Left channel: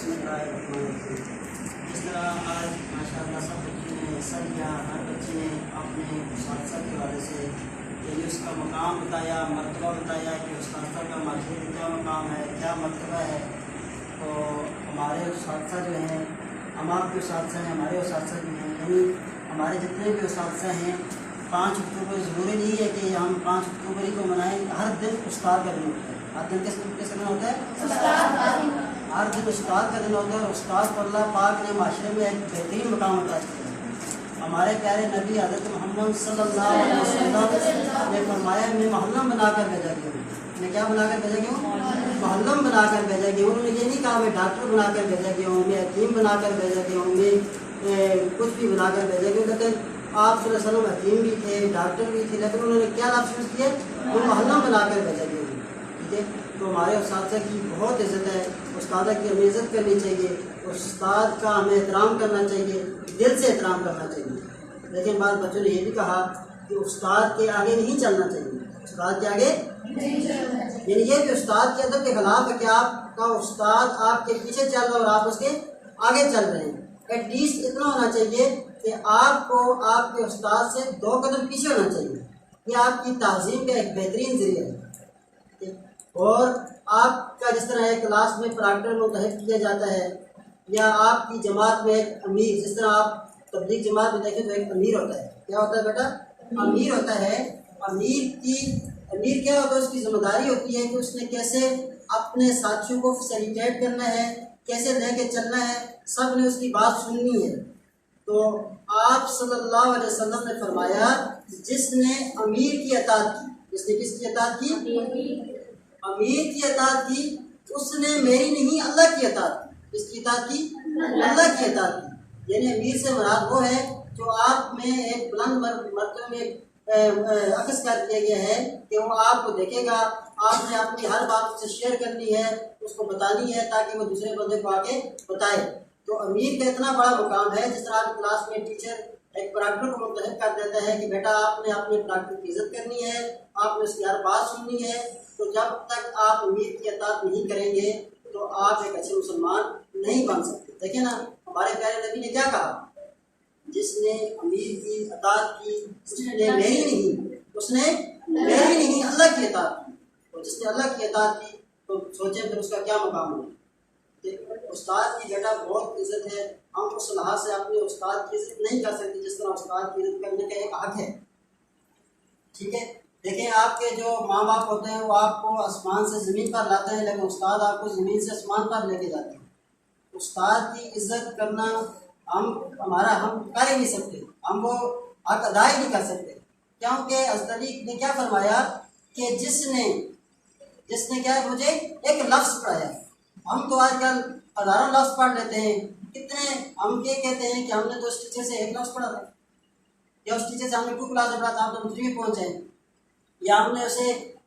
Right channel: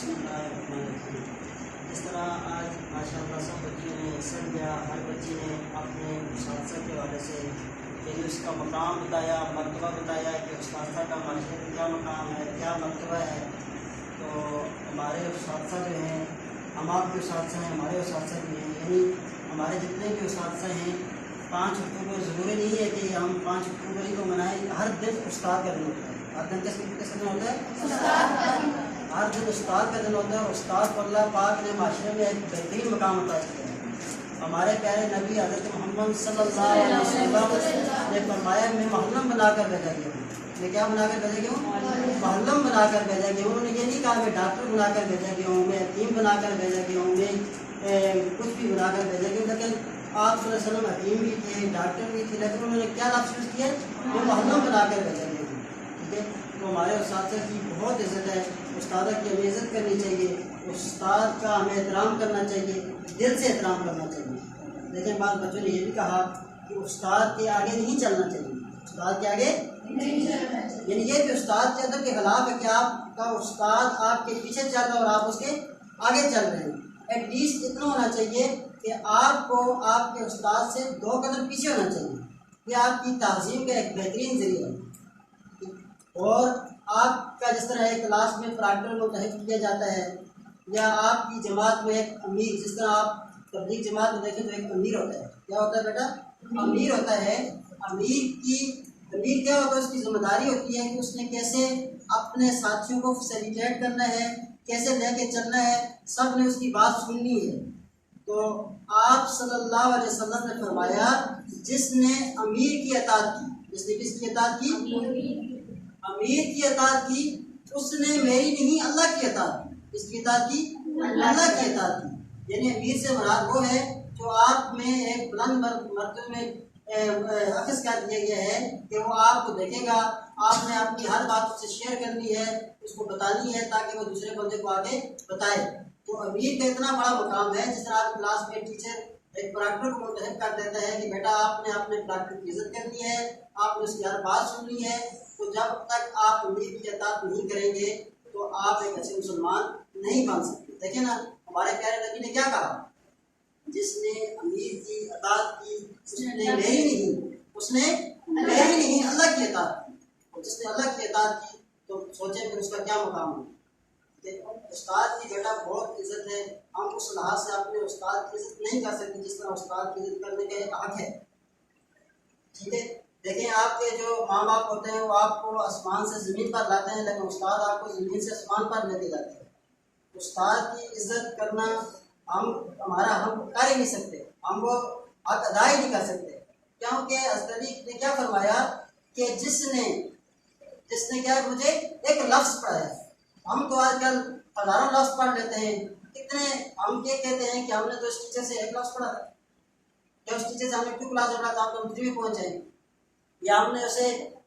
बिस्मिल्लाहिर्रहमानिर्रहीम। जिस तरह आज माशाअल्लाह सब बच्ची ने सब या हर बच्ची ने अपने उस्ताद के हवाले से यानी उसका मकाम बताया, मर्तबा बताया कि उस्ताद का माशरे में क्या मकाम है, क्या मर्तबा है। तो हमारे उस्ताद जो हैं, हम आपके उस्ताद हैं, हमारे उस्ताद भी हैं, यानी हमारे जितने भी उस्ताद हैं 5 अक्टूबर ज़रूरी नहीं है कि हम 5 अक्टूबर ही को मनाएं। हर दिन उस्ताद का दिन होता है, हर दिन किस दिन होता है? हर दिन उस्ताद का दिन होता है। उस्ताद को अल्लाह पाक ने माशरे में एक बेहतरीन मकाम अता किया है। हमारे प्यारे नबी हज़रत मोहम्मद सल्लल्लाहु अलैहि वसल्लम ने फरमाया, मैं मोहल्लम बनाकर भेजा गया हूँ। मैं क्या बनाकर भेजा गया हूँ? मोहल्लम बनाकर भेजा गया हूँ। उन्होंने ये नहीं कहा मैं डॉक्टर बनाकर भेजा गया हूँ, मैं हकीम बनाकर भेजा गया हूँ, मैं कुछ भी बनाकर भेजा गया। लेकिन आप सल्लल्लाहु अलैहि वसल्लम हकीम भी थे, डॉक्टर भी थे, लेकिन उन्होंने क्या लफ्ज़ यूज़ किए? वो मोहल्लम बनाकर भेजा गया हूँ। ठीक है, तो हमारे उस्ताद की बहुत इज़्ज़त है। उस्ताद की हमें इज़्ज़त करनी चाहिए, उस्ताद का हमें एहतराम करना चाहिए, दिल से एहतराम करना चाहिए। लेकिन बाद बच्चों ने यह भी कहा कि उस्ताद के आगे नहीं चलना चाहिए, उस्ताद के आगे नहीं चलना चाहिए। यानी ये कि उस्ताद के अदब के खिलाफ है कि आपका उस्ताद आपके पीछे चल रहा है और आप उसके आगे चल रहे हैं। एटलीस्ट इतना होना चाहिए कि आपको आपके उस्ताद से 2 कदम पीछे होना चाहिए। ये आपकी ताज़ीम का एक बेहतरीन ज़रिया है। और आपका जिस तरह एक क्लास में प्रॉक्टर मुंतखब किया जाता है, या आपकी जमात में एक अमीर, जिस तरह आप तबलीग जमात में देखें तो एक अमीर होता है। क्या होता है बेटा? अमीर होता है। अमीर क्या होता है? उसकी जिम्मेदारी होती है कि उसने कैसे अपने साथियों को फैसिलिटेट करना है, कैसे लेके चलना है, सब ने उसकी बात सुननी है। तो आप सल्लल्लाहु अलैहि वसल्लम ने फरमाया, जिसने अमीर की अताअत की, जिसने किसकी अताअत की? अमीर की अताअत की, उसने मेरी नहीं अल्लाह की अताअत की। किसकी अताअत की? अल्लाह की अताअत की। यानी अमीर से मुराद वो है जो आप में एक बुलंद मर्तबे में अक्स कर दिया गया है कि वो आपको देखेगा, आपने अपनी हर बात उससे शेयर करनी है, उसको बतानी है ताकि वो दूसरे बंदे को आके बताए। तो अमीर का इतना बड़ा मुकाम है। जिस तरह आप क्लास में टीचर एक प्रॉक्टर को मुंतखब कर देता है कि बेटा आपने अपने प्रॉक्टर की इज्जत करनी है, आपने उसकी हर बात सुननी है। तो जब तक आप अमीर की अताअत नहीं करेंगे तो आप एक अच्छे मुसलमान नहीं बन सकते। देखिए ना, हमारे प्यारे नबी ने क्या कहा? जिसने अमीर की अताअत की उसने मेरी नहीं अल्लाह की अताअत की। और जिसने अल्लाह की अताअत की तो सोचें फिर उसका क्या मुकाम होगा। उस्ताद की बेटा बहुत इज्जत है। हम उस लिहाज से अपने उस्ताद की इज्जत नहीं कर सकते जिस तरह उस्ताद की इज्जत करने का एक हक है। ठीक है, देखें आपके जो माँ बाप होते हैं वो आपको आसमान से ज़मीन पर लाते हैं, लेकिन उस्ताद आपको ज़मीन से आसमान पर लेके जाते हैं। उस्ताद की इज्जत करना हम कर ही नहीं सकते, हम वो हक अदा ही नहीं कर सकते। क्योंकि हज़रत अली ने क्या फरमाया कि जिसने क्या मुझे एक लफ्ज़ पढ़ाया। हम तो आजकल हज़ारों लफ्ज़ पढ़ लेते हैं। कितने हम ये कहते हैं कि हमने तो इस टीचर से एक लफ्ज़ पढ़ा था, या उस टीचर से हमने 2 क्लास में पढ़ा था, तो हम 3 में पहुँचे, या हमने उसे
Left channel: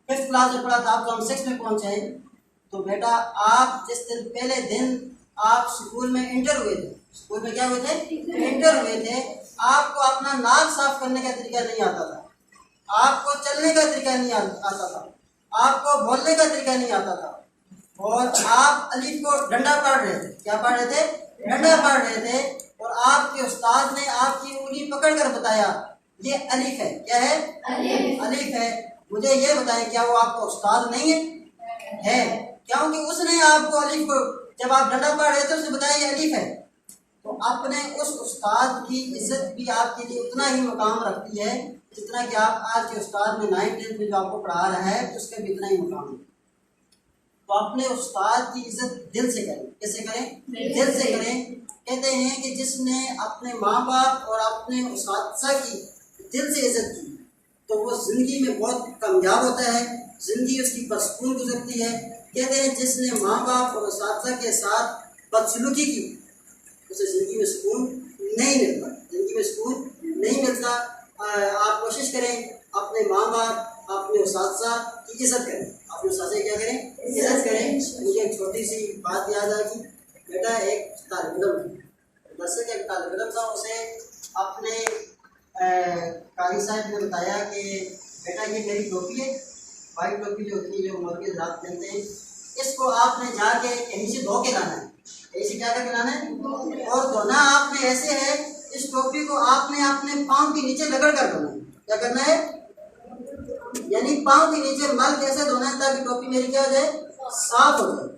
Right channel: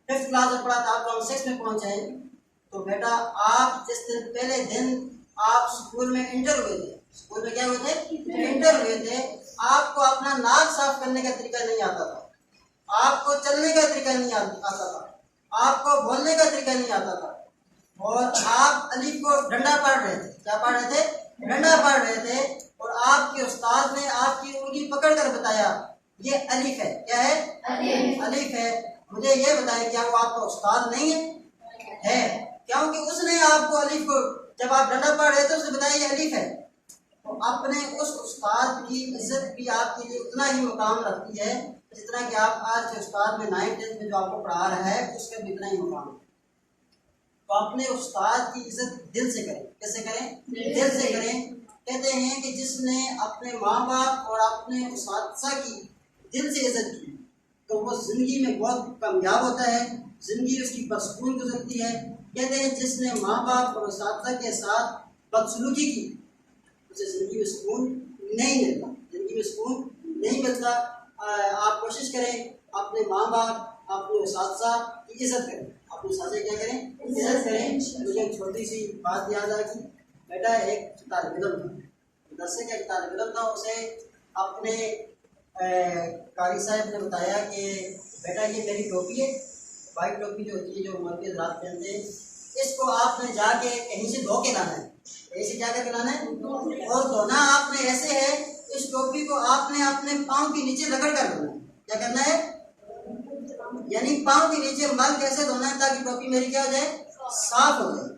5th क्लास में पढ़ा था तो हम 6 में पहुँचे। तो बेटा आप जिस दिन पहले दिन आप स्कूल में इंटर हुए थे, स्कूल में क्या हुए थे? इंटर हुए थे। आपको अपना नाक साफ करने का तरीका नहीं आता था, आपको चलने का तरीका नहीं आता था, आपको बोलने का तरीका नहीं आता था, और आप अलीफ को डंडा पढ़ रहे थे। क्या पढ़ रहे थे? डंडा पढ़ रहे थे। और आपके उस्ताद ने आपकी उंगली पकड़ कर बताया ये अलीफ है। क्या है? अलीफ है। मुझे ये बताएं, क्या वो आपका उस्ताद नहीं है? क्योंकि उसने आपको अलीफ को जब आप डंडा पढ़ रहे थे उसने बताया ये अलीफ है। तो अपने उस उस्ताद की इज्जत भी आपके लिए उतना ही मुकाम रखती है जितना कि आप आज के उस्ताद में 9th 10th में जो आपको पढ़ा रहा है उसका भी इतना ही मुकाम है। तो अपने उस्ताद की इज्जत दिल से करें। कैसे करें? दिल से करें। कहते हैं कि जिसने अपने माँ बाप और अपने उस्ताद की दिल से इज्जत की तो वो ज़िंदगी में बहुत कामयाब होता है, ज़िंदगी उसकी परसकून गुजरती है। कहते हैं जिसने माँ बाप और उस्ताद के साथ बदसलूकी की उसे ज़िंदगी में सुकून नहीं मिलता, ज़िंदगी में सुकून नहीं मिलता। आप कोशिश करें अपने माँ बाप, अपने उस्ताद की इज़्ज़त करें, अपने उस्ताद क्या करें? इज़्ज़त करें। मुझे एक छोटी सी बात याद आ कि बेटा एक तालिब इल्म दरसे का एक तालिब इल्म था, उसे अपने कारी साहब ने बताया कि बेटा ये मेरी टोपी है, वाइट टोपी जो होती है जो मौलवी हज़रात पहनते हैं, इसको आपने जाके कहीं से धो के लाना है। ऐसे क्या करके लाना है, और धोना आपने ऐसे है, इस टोपी को आपने अपने पाँव के नीचे रगड़ कर धोना है। क्या करना है, यानी पाँव के नीचे मल कैसे धोना है ताकि टोपी मेरी क्या हो जाए, साफ हो जाए।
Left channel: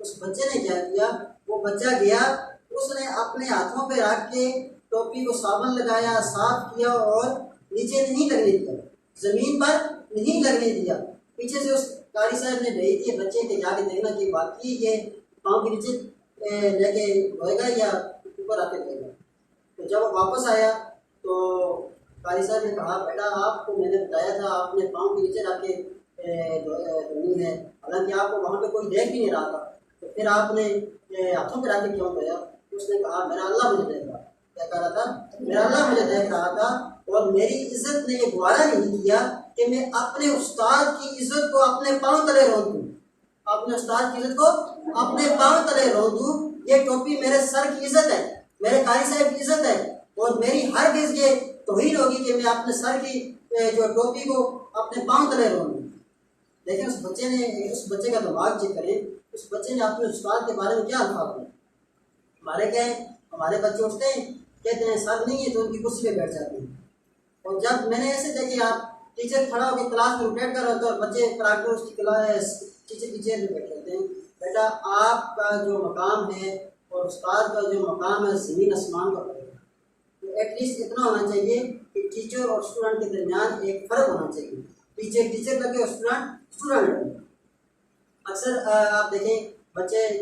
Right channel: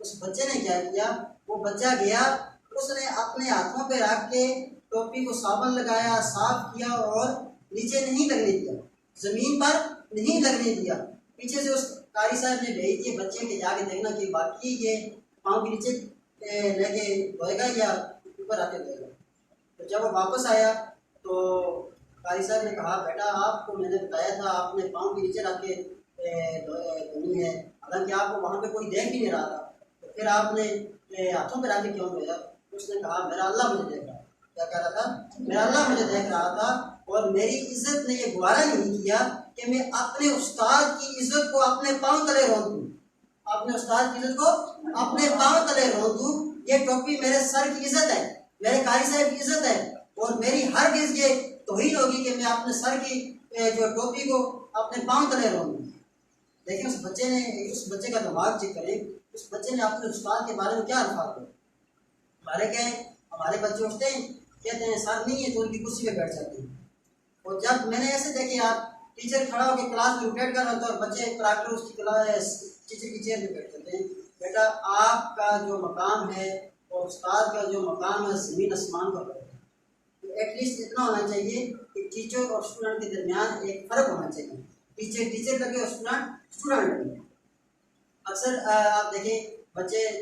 उस बच्चे ने क्या किया, वो बच्चा गया, उसने अपने हाथों पे रख के टोपी को साबुन लगाया, साफ किया और नीचे नहीं लगने दिया, जमीन पर नहीं लगने दिया। पीछे से उस कारी साहब ने भेज दिए बच्चे के, जाके देखना कि बाकी ये पाँव के नीचे लेके धोएगा या ऊपर आके धोएगा। तो जब वो वापस आया तो कारी साहब ने कहा, बेटा आपको मैंने बताया था आपने पाँव के नीचे रख के धोनी है, हालांकि आपको वहाँ पे कोई देख भी नहीं रहा था, तो फिर आपने हाथों पे रख के क्यों धोया? उसने कहा, मेरा अल्लाह मुझे देख रहा। क्या कह रहा था, मेरा अल्लाह मुझे देख रहा था, और मेरी इज्जत ने ये गुवारा नहीं किया कि मैं अपने उस्ताद की इज्जत को अपने पाँव तले रोक दूँ, अपने उस्ताद की इज्जत को अपने पाँव तले रोक दूँ। ये टोपी मेरे सर की इज्जत है, मेरे कारी साहब की इज्जत है, और मेरी हर गिज़ ये तौहीन होगी कि मैं अपने सर की जो टोपी को अपने पाँव तले रोक दूँ। देखिए उस बच्चे का दिमाग चेक करें, उस बच्चे ने अपने उस्ताद के बारे में क्या अल्फाज बोले। हमारे क्या है, हमारे बच्चे उठते हैं, कहते हैं सर नहीं है, तो उनकी कुर्सी पे बैठ जाते हैं। और जब मैंने ऐसे देखे, आप टीचर खड़ा होकर क्लास में रोटेट कर रहा होता है और बच्चे प्रैक्टिस उसकी क्लास टीचर की चेयर में बैठ जाते हैं। बेटा आपका जो मकाम है और उस्ताद का जो मकाम है, ज़मीन आसमान का फर्क है। तो एटलीस्ट इतना होना चाहिए कि टीचर और स्टूडेंट के दरमियान एक फ़र्क होना चाहिए, टीचर लगे और स्टूडेंट लगे। अक्सर आप देखें बच्चे